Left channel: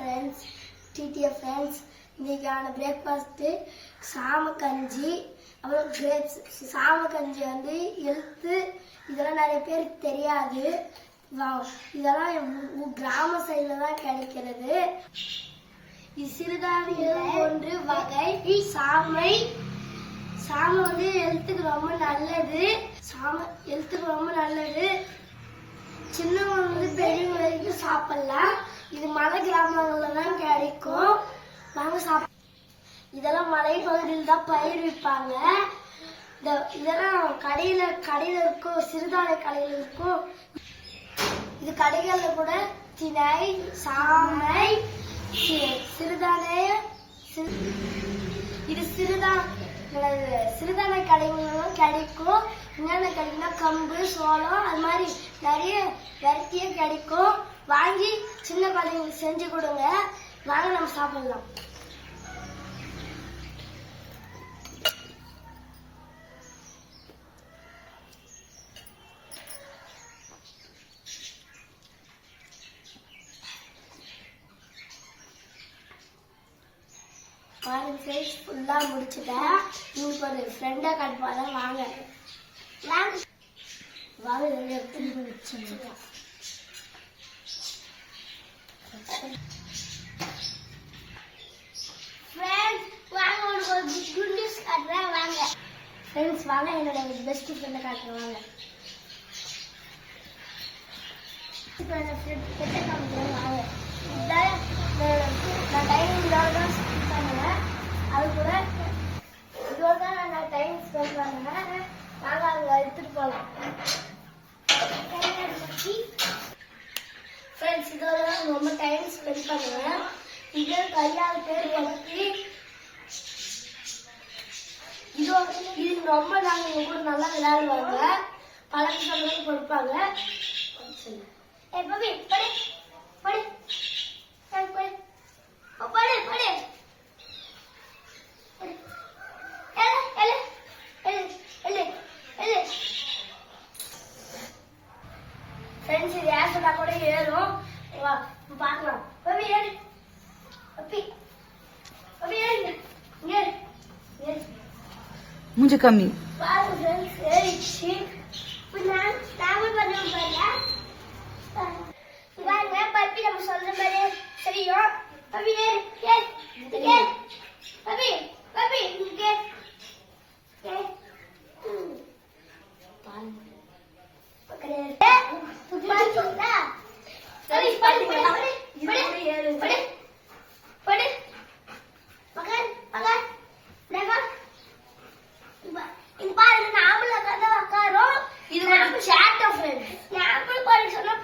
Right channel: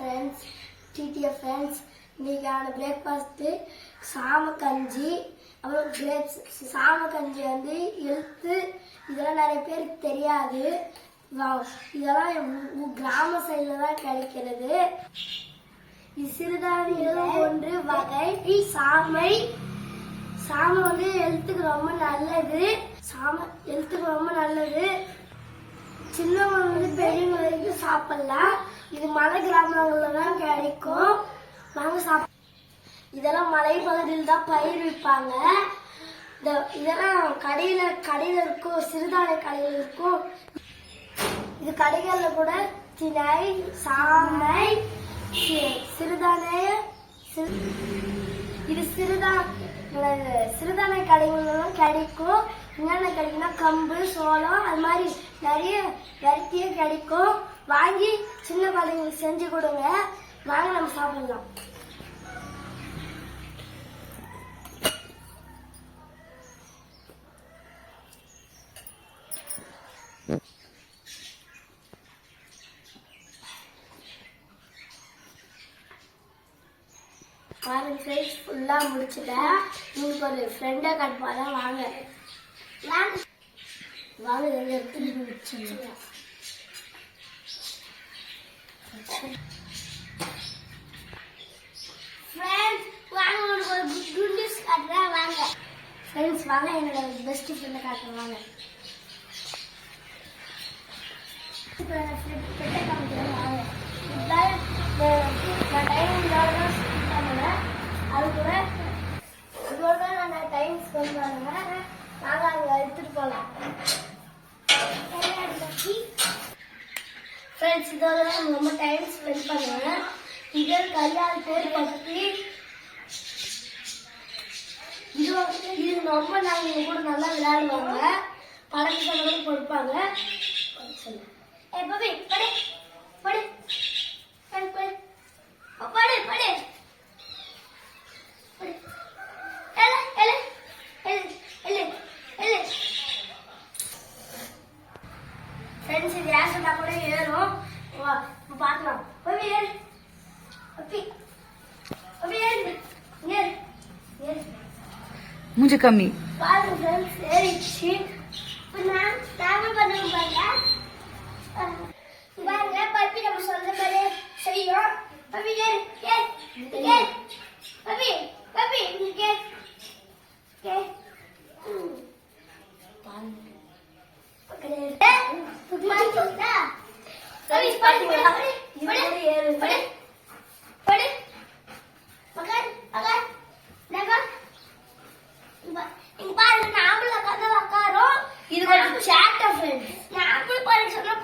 Friends, TTF friends. இன்னைக்கான breakfast சாமக்கஞ்சி. அப்புறம் சாமக்கஞ்சி வந்து எழுத்து இதெல்லாம் நிறைய பேருக்கு தெரியாது. இதெல்லாம் கிராம சைடில் தான் கிடைக்கிறது. சிறுதானியம் ஒன்று வகை சாமை. சாமை வந்து எழுத்துக்கு ரொம்ப நல்லது. எழுத்துக்கு ரொம்ப நல்லது. சின்னவங்க வந்து பெரியவங்க வரைக்கும் சாப்பிடலாம். இது மலை கிராமங்கள்ல தான் கிடைக்கும். வாங்க இதெல்லாம் மலை பகுதியில் தான் பயிர்விப்பாங்க. இதெல்லாம் கடையில இருக்கும், சிறுதானிய கடையில இருக்கும். இது கடைகள்ல கூட திணை, சாமை, சிறுதானிய இது சிறுதானிய கடைகள்லாம் கிடைக்கும். என்னென்ன கிடைக்கும்னா கம்பு, சோளம், அது மாதிரி நிறைய வெரைட்டியே கிடைக்கும். வாங்கி சின்ன குழந்தைங்களுக்கு செஞ்சு கொடுங்க. வாங்க நம்ம சாப்பிடலாம். பாருங்க ஃப்ரெண்ட்ஸ், ஃபுல்லா முடிச்சுட்டேன். உங்களுக்கு ஒரு ஃப்ரெண்டை காட்டுவாங்க. வாங்க வாங்க எடுத்துட்டு வச்சுக்கலாம். ஃப்ரெண்ட்ஸ் வாங்க என்னோட பெஸ்ட் ஃப்ரெண்டை காட்டுறேன். வாங்க இப்போ என் ஃப்ரெண்டை காமிக்கிறேன். வாங்க நான் டைம் இதோட தான் ஸ்பெண்ட் பண்ணுவேன். அது கூட இதோட தான் நான் டைம் ஸ்பெண்ட் பண்ணுவேன். நாங்கள் அங்கே எடுத்துட்டு போகலாம். ஃப்ரெண்ட்ஸ் இதோட தான் ரொம்ப டைம் ஸ்பெண்ட் பண்ணுவேன். இதே கையால் பேர் பற்றி இது ரொம்ப நாங்கள் கூட நல்லா விளையாடுவாங்க. பழக்க சம்பளம் கொடுப்பாங்க. ஃப்ரெண்ட்ஸ் இது ஏன் சொன்னா கூட ஏறும். பார்க்கலாம். मुझे कमी பப்பி நம்ம சொந்த மாதிரியே செய்யும். பப்பி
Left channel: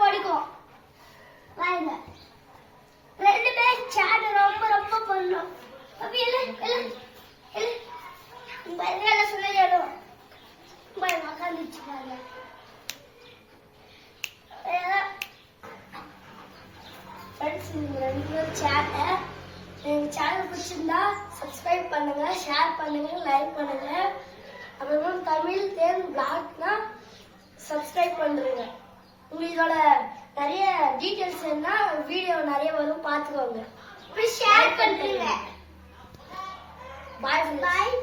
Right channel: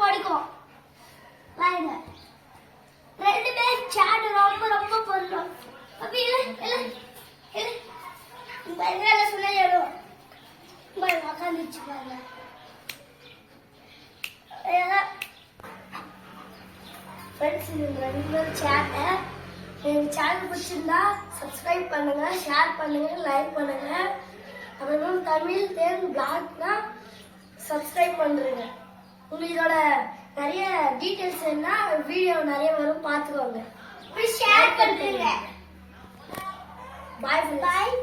படிக்கும். ரெண்டு பேர் சாட் ரொம்ப ரொம்ப பண்ணும். அப்படி சொல்ல ஏழும் உட்காந்துச்சு பாருங்க. ஃப்ரெண்ட்ஸ் நீங்க ரெண்டு பேரும் சேட்டை எங்க சேனல் பிடிச்சிருந்தா சப்ஸ்கிரைப் பண்ணுங்க, ஷேர் பண்ணுங்க, லைக் பண்ணுங்க. அப்புறம் தமிழ் தேன் பிளாக்னா சப்ஸ்கிரைப் பண்றீங்க. உங்களுக்கு இதோட நிறைய டீடைல்ஸ் என்ன வீடியோ நிறைய வரும், பார்த்துக்கோங்க. ஷேர் பண்றீங்க. பாய் பாய்.